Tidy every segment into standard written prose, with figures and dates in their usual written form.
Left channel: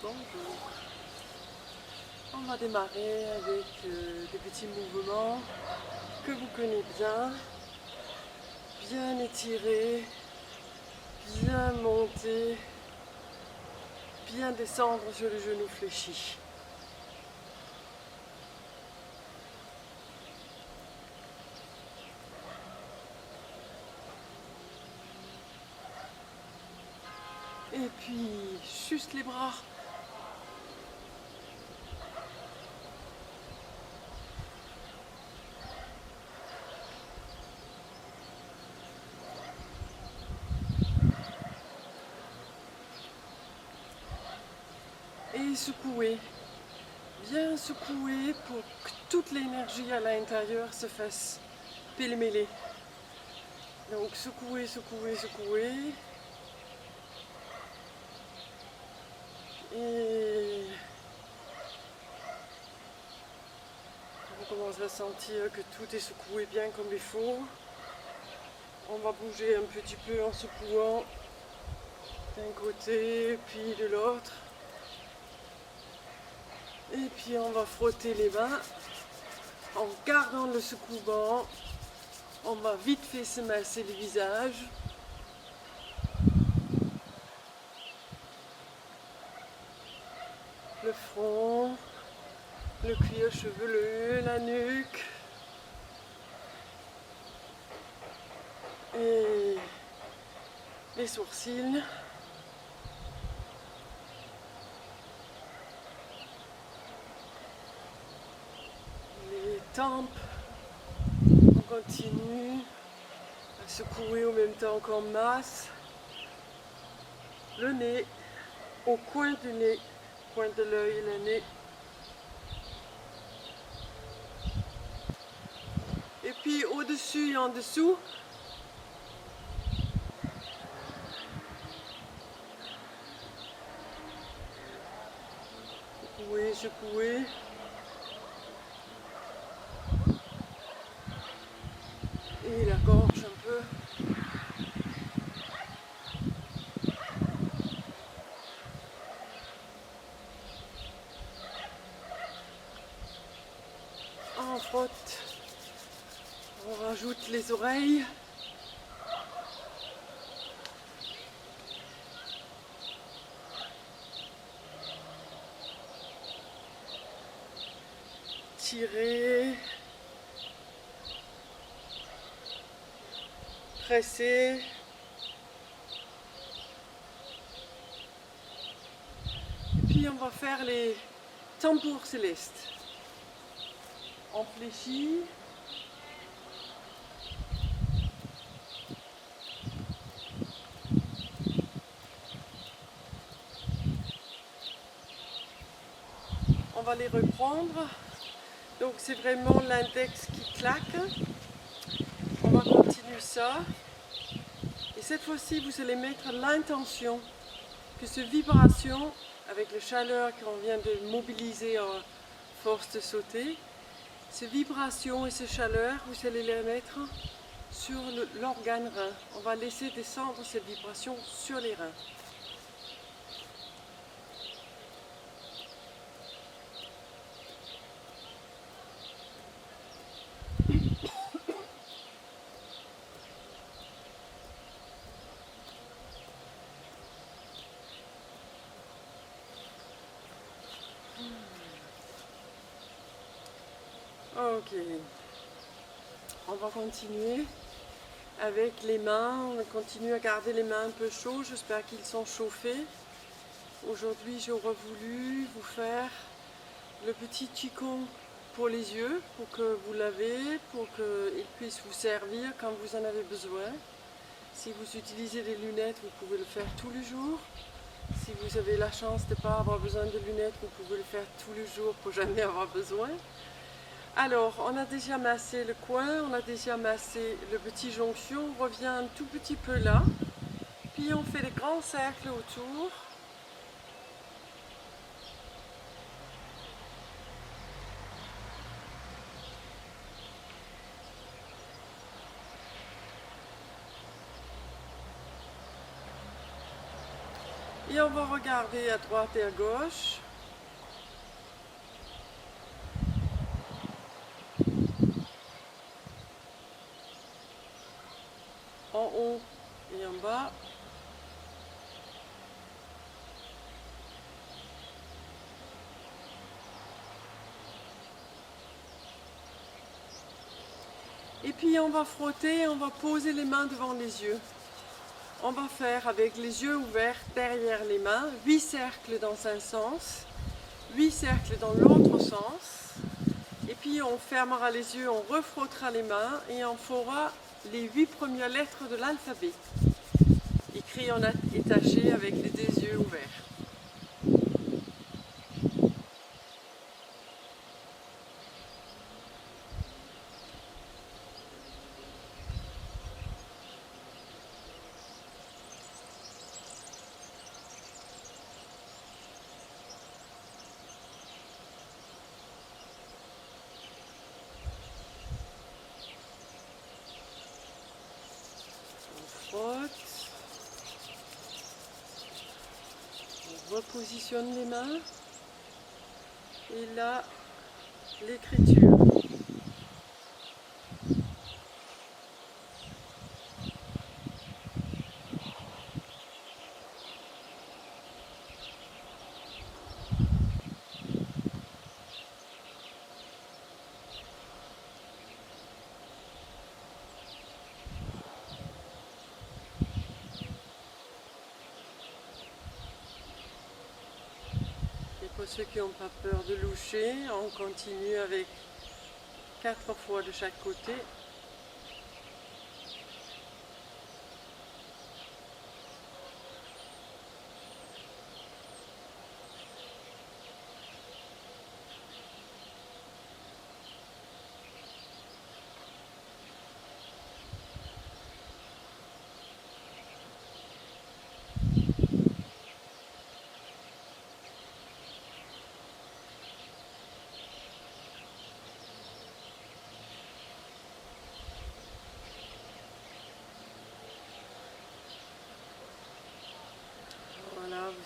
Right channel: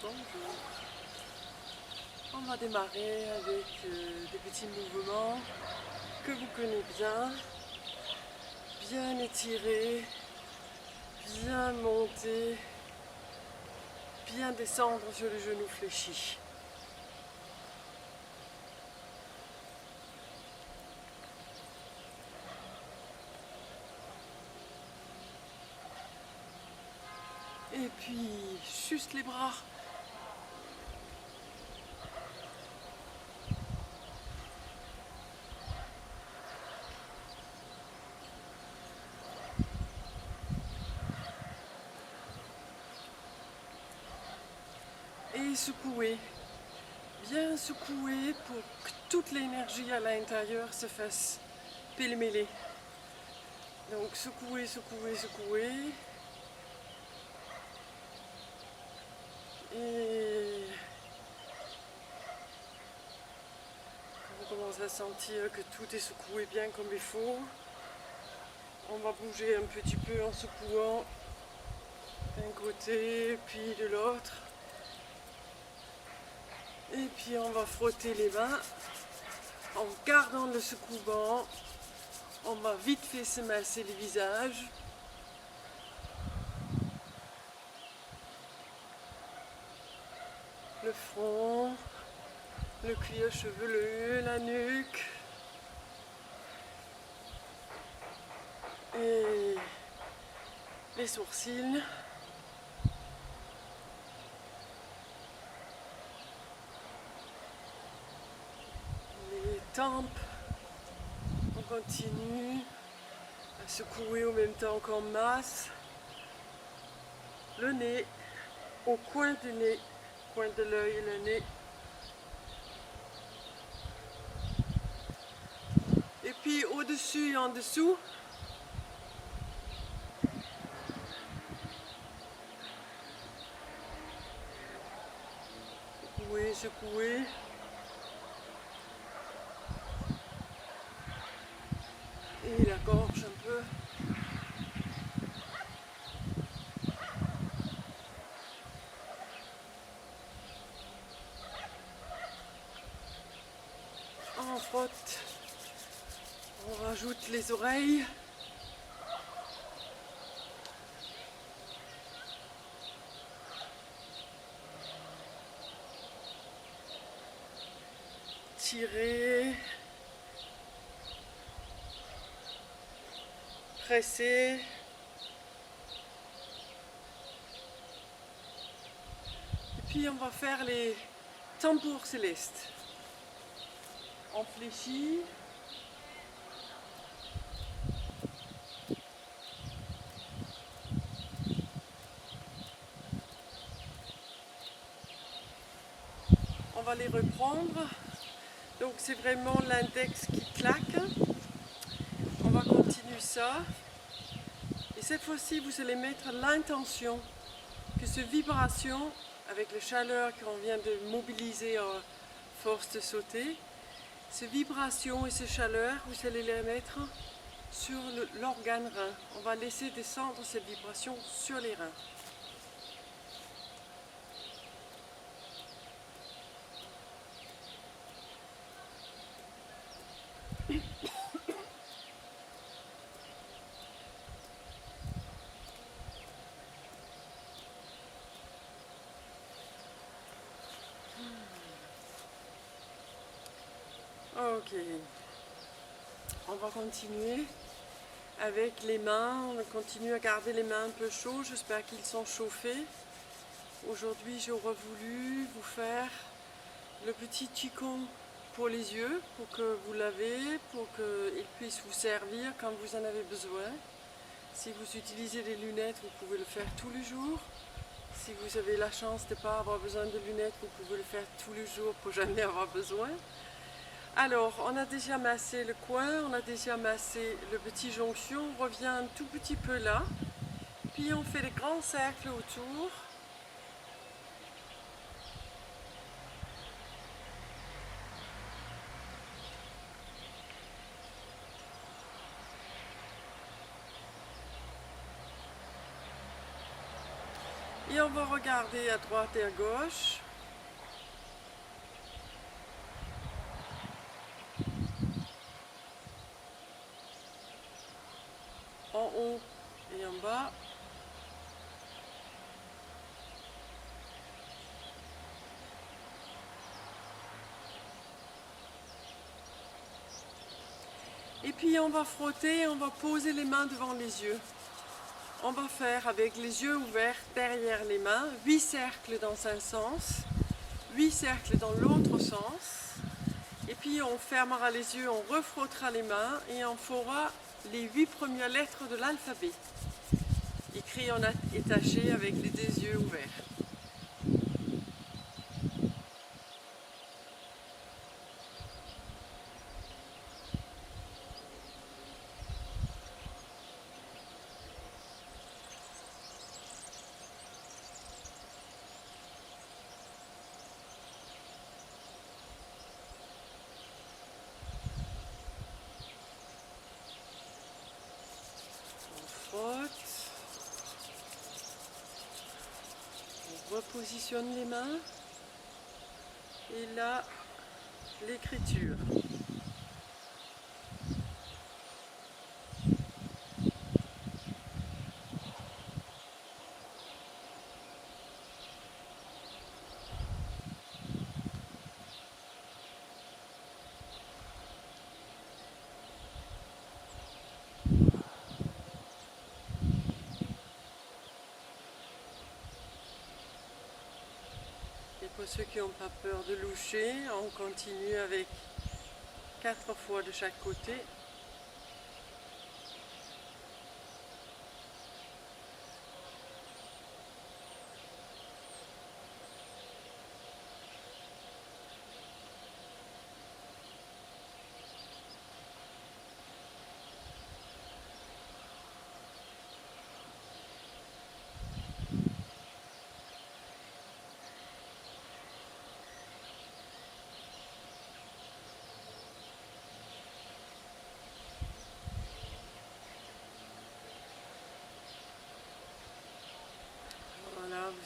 Bonjour. On va démarrer avec des petits mouvements que vous connaissez bien étirer, bien monter, bien descendre sur les genoux fléchis. Et puis, juste les bras. Et secouer. Bien secouer pour que toute l'énergie à l'intérieur se fasse pêle-mêler. Donc secouer, secouer, secouer. Et on commence à sentir que tout est secoué bien comme il faut. On va bouger un petit peu en secouant d'un côté puis de l'autre. Et puis on va frotter les mains en gardant le secouement. On va vite fait se masser le visage. Le front, le cuir chevelu, la nuque. Et les sourcils. Les tempes. On continue à secouer en même temps qu'on masse. Le nez, au coin du nez, coin de l'œil, le nez. Et puis au-dessus et en dessous. Secouer, secouer. Et la gorge un peu. On frotte. On rajoute les oreilles. Tirer. Presser. Et puis on va faire les tambours célestes. On fléchit. On va les reprendre. Donc c'est vraiment l'index qui claque. On va continuer ça. Et cette fois-ci, vous allez mettre l'intention que cette vibration, avec la chaleur qu'on vient de mobiliser à force de sauter, ces vibrations et ces chaleurs, vous allez les mettre sur l'organe rein. On va laisser descendre cette vibration sur les reins. Ok, on va continuer avec les mains. On continue à garder les mains un peu chaudes. J'espère qu'ils sont chauffés. Aujourd'hui, j'aurais voulu vous faire le petit qigong pour les yeux, pour que vous l'avez, pour qu'il puisse vous servir quand vous en avez besoin. Si vous utilisez des lunettes, vous pouvez le faire tous les jours. Si vous avez la chance de ne pas avoir besoin de lunettes, vous pouvez le faire tous les jours pour jamais avoir besoin. Alors, on a déjà massé le coin, on a déjà massé le petit jonction, on revient un tout petit peu là, puis on fait des grands cercles autour. Et on va regarder à droite et à gauche. En haut et en bas. Et puis on va frotter, on va poser les mains devant les yeux. On va faire avec les yeux ouverts derrière les mains, 8 cercles dans un sens, 8 cercles dans l'autre sens. Et puis on fermera les yeux, on refrottera les mains et on fera les 8 premières lettres de l'alphabet, écrit en étaché avec les deux yeux ouverts. On repositionne les mains et là l'écriture. Pour ceux qui n'ont pas peur de loucher, on continue avec 4 fois de chaque côté.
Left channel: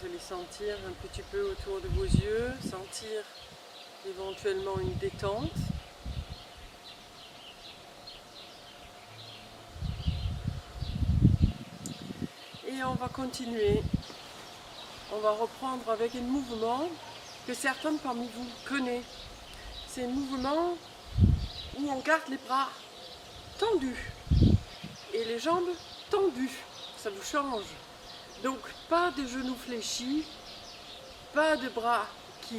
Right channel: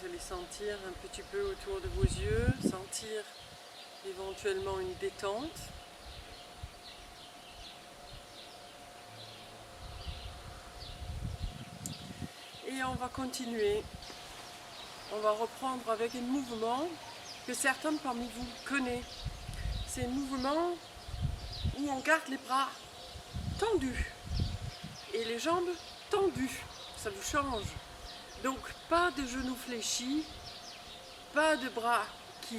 Vous allez sentir un petit peu autour de vos yeux, sentir éventuellement une détente. Et on va continuer. On va reprendre avec un mouvement que certains parmi vous connaissent. C'est un mouvement où on garde les bras tendus et les jambes tendues. Ça vous change. Donc pas de genoux fléchis, pas de bras qui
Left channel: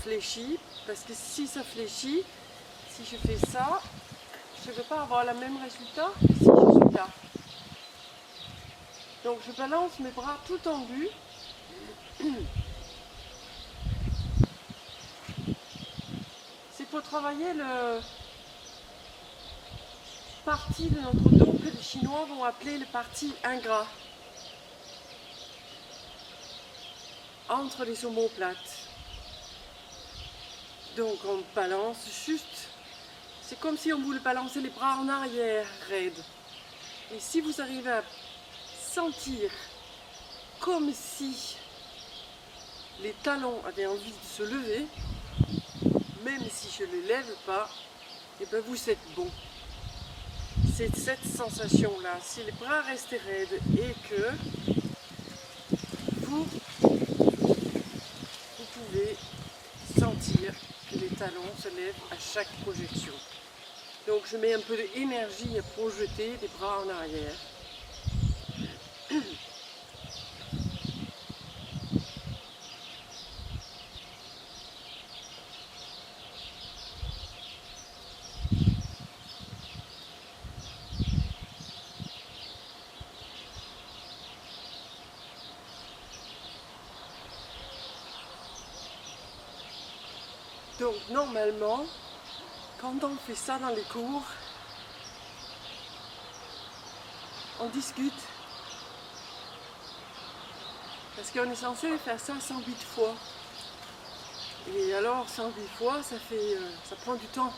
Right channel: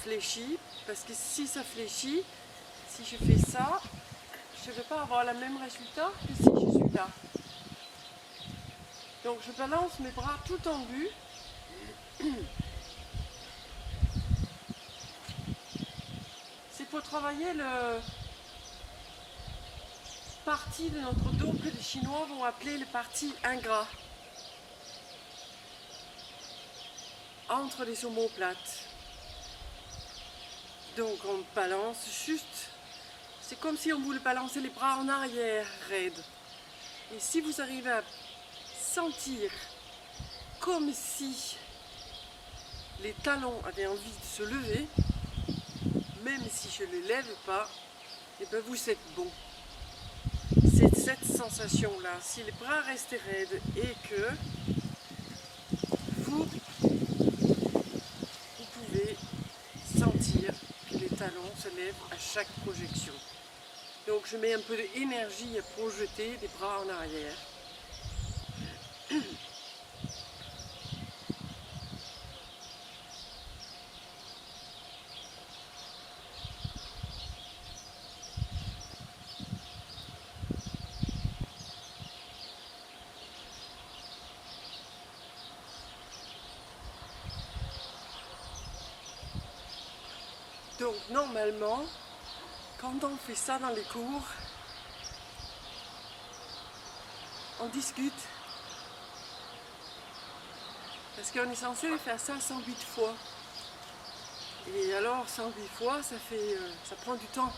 fléchissent, parce que si ça fléchit, si je fais ça, je ne vais pas avoir le même résultat que si je suis là. Donc je balance mes bras tout tendus. C'est pour travailler le partie de notre dos que les Chinois vont appeler le parti ingrat. Entre les omoplates. Donc on balance juste, c'est comme si on voulait balancer les bras en arrière, raide. Et si vous arrivez à sentir comme si les talons avaient envie de se lever, même si je ne les lève pas, et bien vous êtes bon. C'est cette sensation-là. Si les bras restent raides et que vous pouvez sentir que les talons se lèvent à chaque projection. Donc je mets un peu d'énergie à projeter les bras en arrière. Donc normalement, quand on fait ça dans les cours, on discute. Parce qu'on est censé faire ça 108 fois. Et alors 108 fois, ça prend du temps.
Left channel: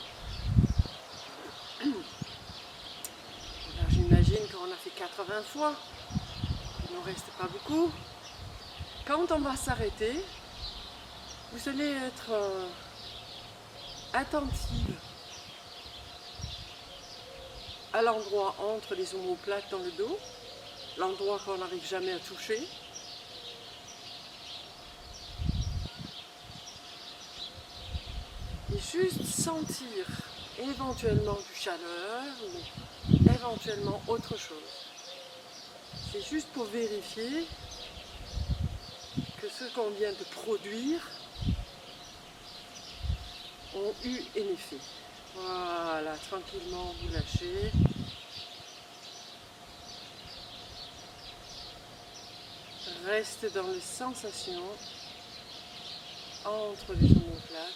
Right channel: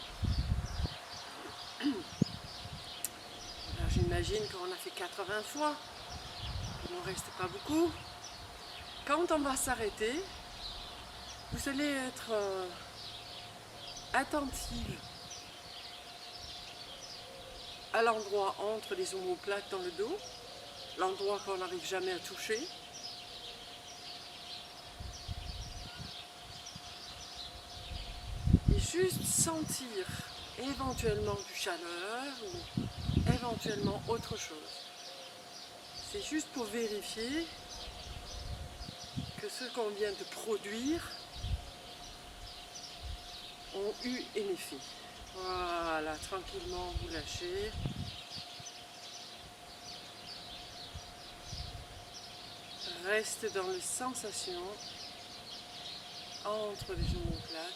Alors j'imagine qu'on a fait 80 fois, il ne nous reste pas beaucoup. quand on va s'arrêter, vous allez être attentive à l'endroit entre les omoplates dans le dos, l'endroit qu'on n'arrive jamais à toucher. Et juste sentir éventuellement du chaleur ou éventuellement autre chose. C'est juste pour vérifier que ce qu'on vient de produire ont eu un effet. Voilà, tranquillement vous lâchez. Reste dans les sensations entre les omoplates.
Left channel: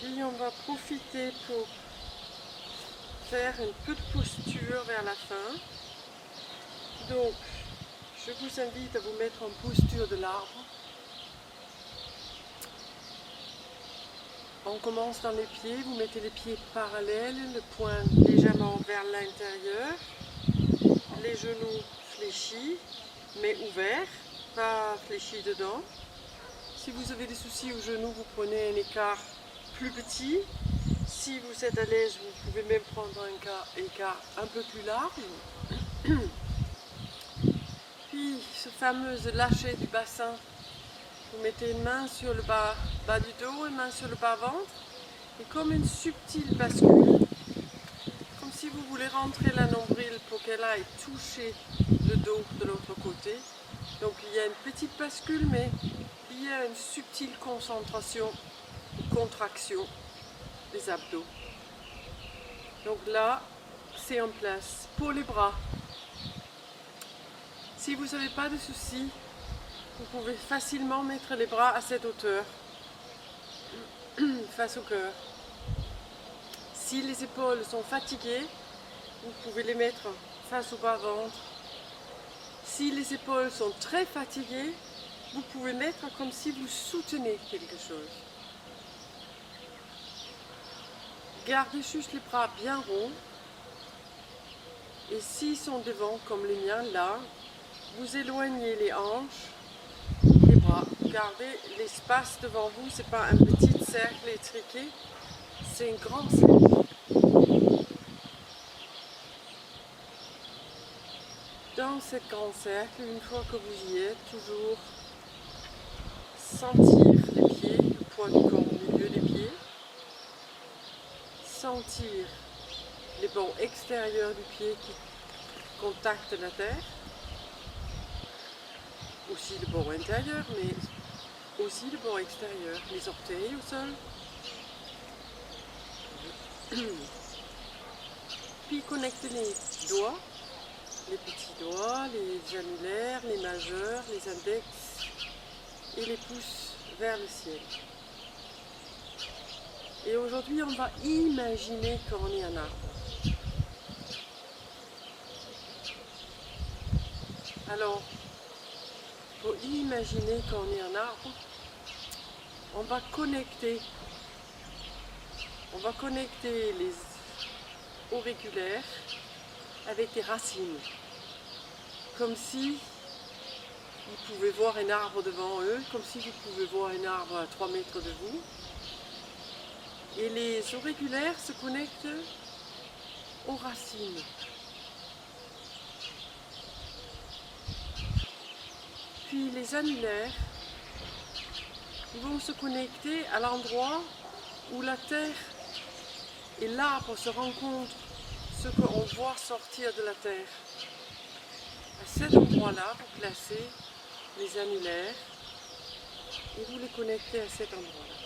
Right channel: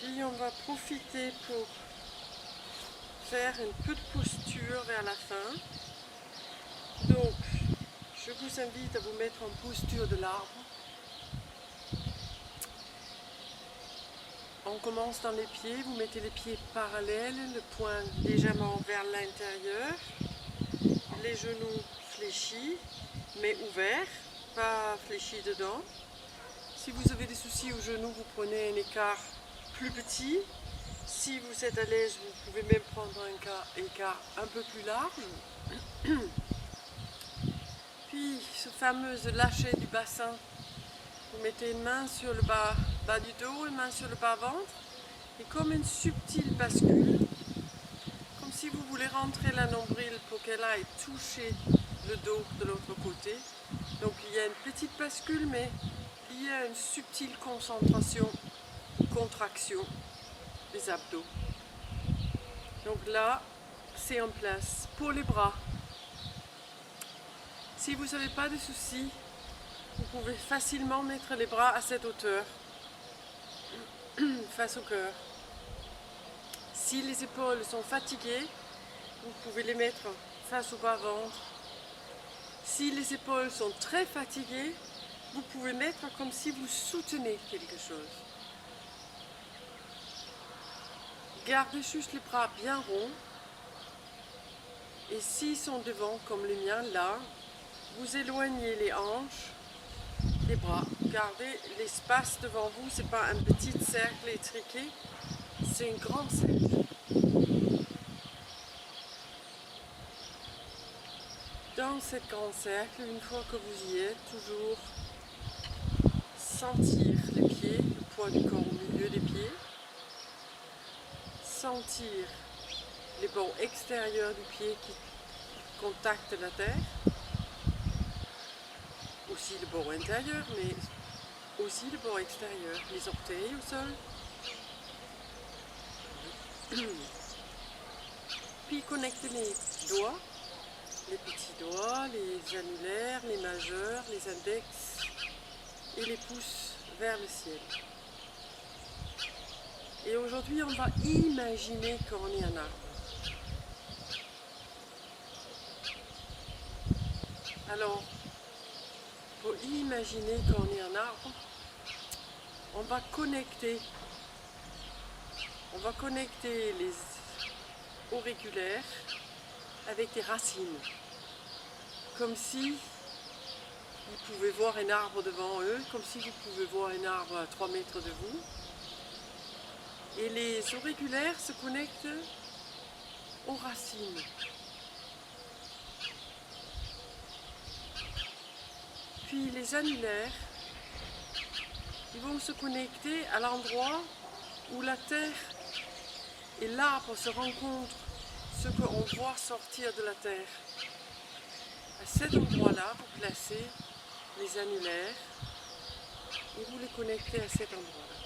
Puis on va profiter pour faire un peu de posture vers la fin. Donc, je vous invite à vous mettre en posture de l'arbre. On commence dans les pieds, vous mettez les pieds parallèles, le poing légèrement vers l'intérieur, les genoux fléchis, mais ouverts, pas fléchis dedans. Si vous avez des soucis aux genoux, vous prenez un écart plus petit. Si vous êtes à l'aise, vous pouvez même prendre un écart un peu plus large. Puis, ce fameux lâcher du bassin, vous mettez une main sur le bas du dos, une main sur le bas-ventre, et comme une subtile bascule, comme si vous voulez rentrer la nombril pour qu'elle aille toucher le dos de l'autre côté. Donc il y a une petite bascule, mais il y a une subtile concentration, contraction des abdos. Donc là, c'est en place. Pour les bras, si vous n'avez pas de soucis, vous pouvez facilement mettre les bras à cette hauteur, face au cœur. Si les épaules sont fatiguées, vous pouvez les mettre face au bas-ventre. Si les épaules sont très fatiguées, vous pouvez mettre comme si vous soutenez quelque chose. Gardez juste les bras bien ronds. Et s'ils sont devant, comme les miens là, vous éloignez les hanches des bras. Gardez l'espace devant vous, ce n'est pas un petit cercle étriqué, c'est un grand cercle. Dans ce grand cercle, une fois que vous y êtes, toujours sentir les pieds, le poids du corps au milieu des pieds, sentir les bords extérieurs du pied qui contactent la terre, aussi le bord intérieur, mais aussi le bord extérieur, les orteils au sol. Puis connectez les doigts, les petits doigts, les annulaires, les majeurs, les index et les pouces vers le ciel. Et aujourd'hui, on va imaginer qu'on est un arbre. Alors, pour imaginer qu'on est un arbre, on va connecter les auriculaires avec des racines, comme si ils pouvaient voir un arbre devant eux, comme si vous pouvez voir un arbre à 3 mètres de vous. Et les auriculaires se connectent aux racines. Puis les annulaires, ils vont se connecter à l'endroit où la terre et l'arbre se rencontrent, ce qu'on voit sortir de la terre. À cet endroit-là, vous placez les annulaires et vous les connectez à cet endroit-là.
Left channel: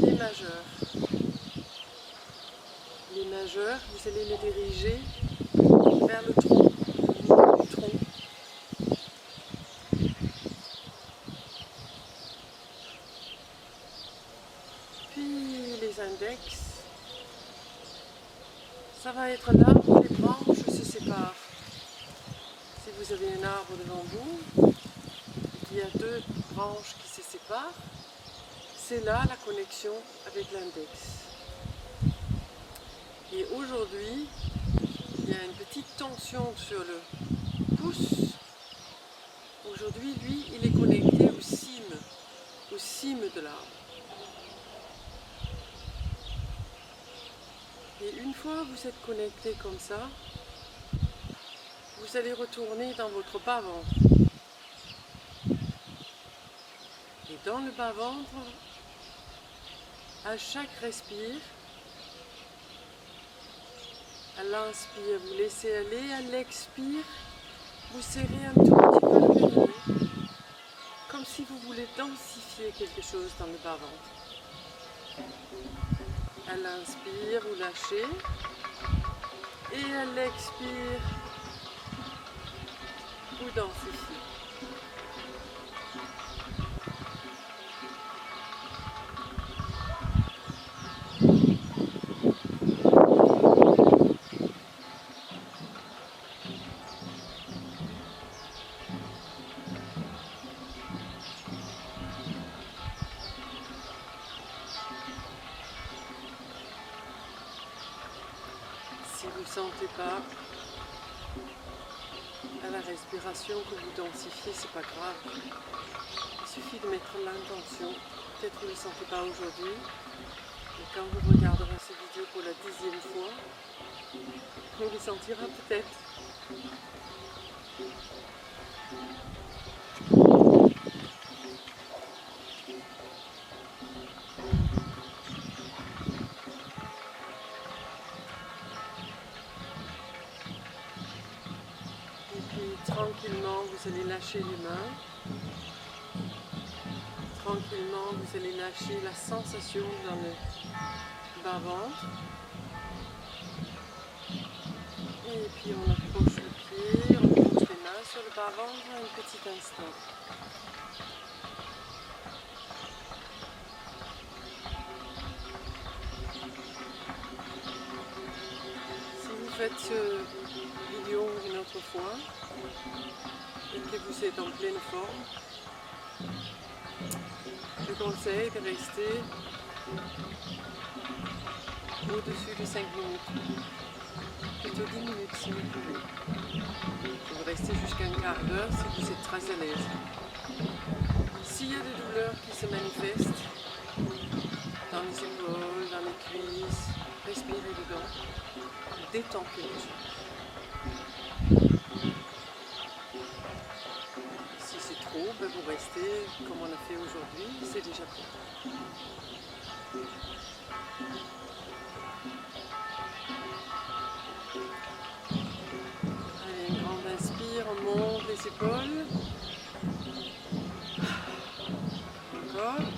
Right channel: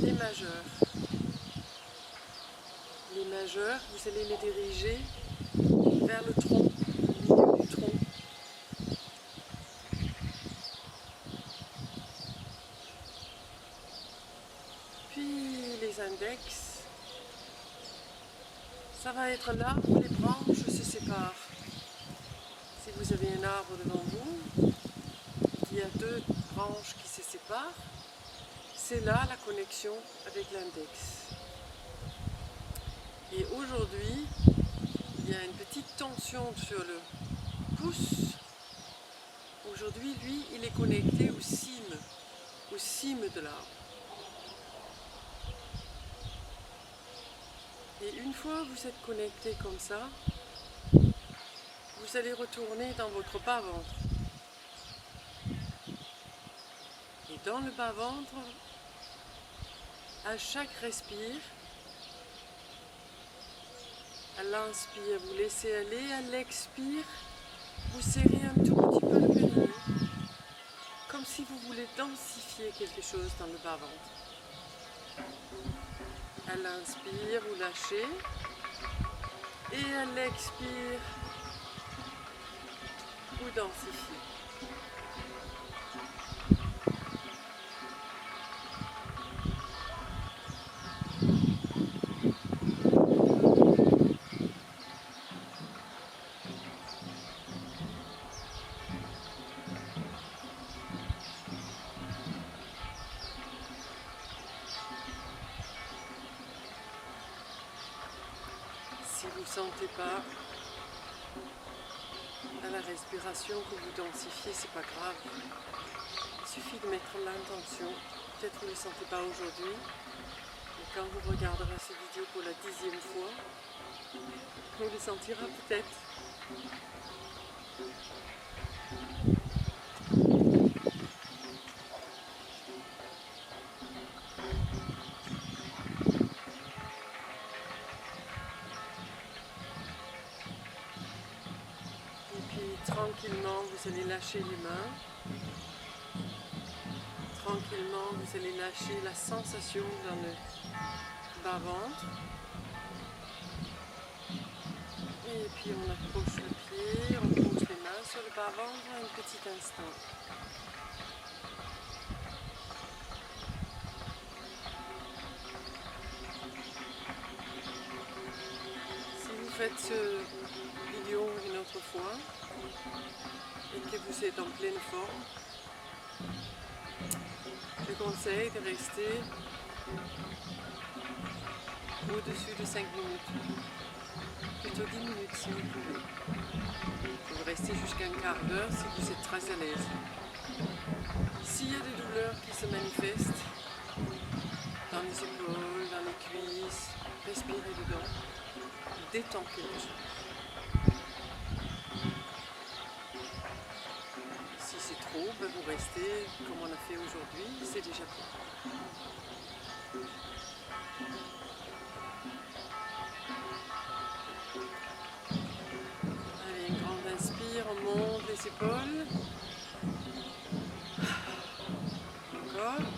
Les majeurs. Les majeurs, vous allez les diriger vers le tronc, le milieu du tronc. l'index. Ça va être là où les branches se séparent. Si vous avez un arbre devant vous, et qu'il y a deux branches qui se séparent, c'est là la connexion avec l'index. Et aujourd'hui, il y a une petite tension sur le pouce. Aujourd'hui, lui, il est connecté aux cimes de l'arbre. Et une fois que vous êtes connecté comme ça, vous allez retourner dans votre bas-ventre. Et dans le bas-ventre, à chaque respire, à l'inspire, vous laissez aller, à l'expire, vous serrez un tout petit peu le périnée, comme si vous voulez densifier quelque chose dans le bas-ventre. À l'inspire, vous lâchez, et à l'expire, vous densifiez. Si vous ne sentez pas à la respiration que vous densifiez, c'est pas grave. Il suffit de mettre l'intention. Peut-être que vous ne le sentez pas aujourd'hui, mais quand vous regarderez cette vidéo pour la 10e fois, vous le sentirez peut-être. Et puis tranquillement, vous allez lâcher les mains. Tranquillement, vous allez lâcher la sensation dans le bas-ventre. Et puis on approche le pied, on pose les mains sur le bas-ventre un petit instant. Si vous faites cette vidéo une autre fois et que vous êtes en pleine forme, je conseille de rester au-dessus de 5 minutes. Plutôt 10 minutes si vous pouvez. Vous restez jusqu'à un quart d'heure si vous êtes très à l'aise. S'il y a des douleurs qui se manifestent dans les épaules, dans les cuisses, respirez dedans, détends quelque chose. Si c'est trop, vous restez comme on a fait aujourd'hui, c'est déjà bien. Allez, une grande inspire, on monte les épaules. Encore.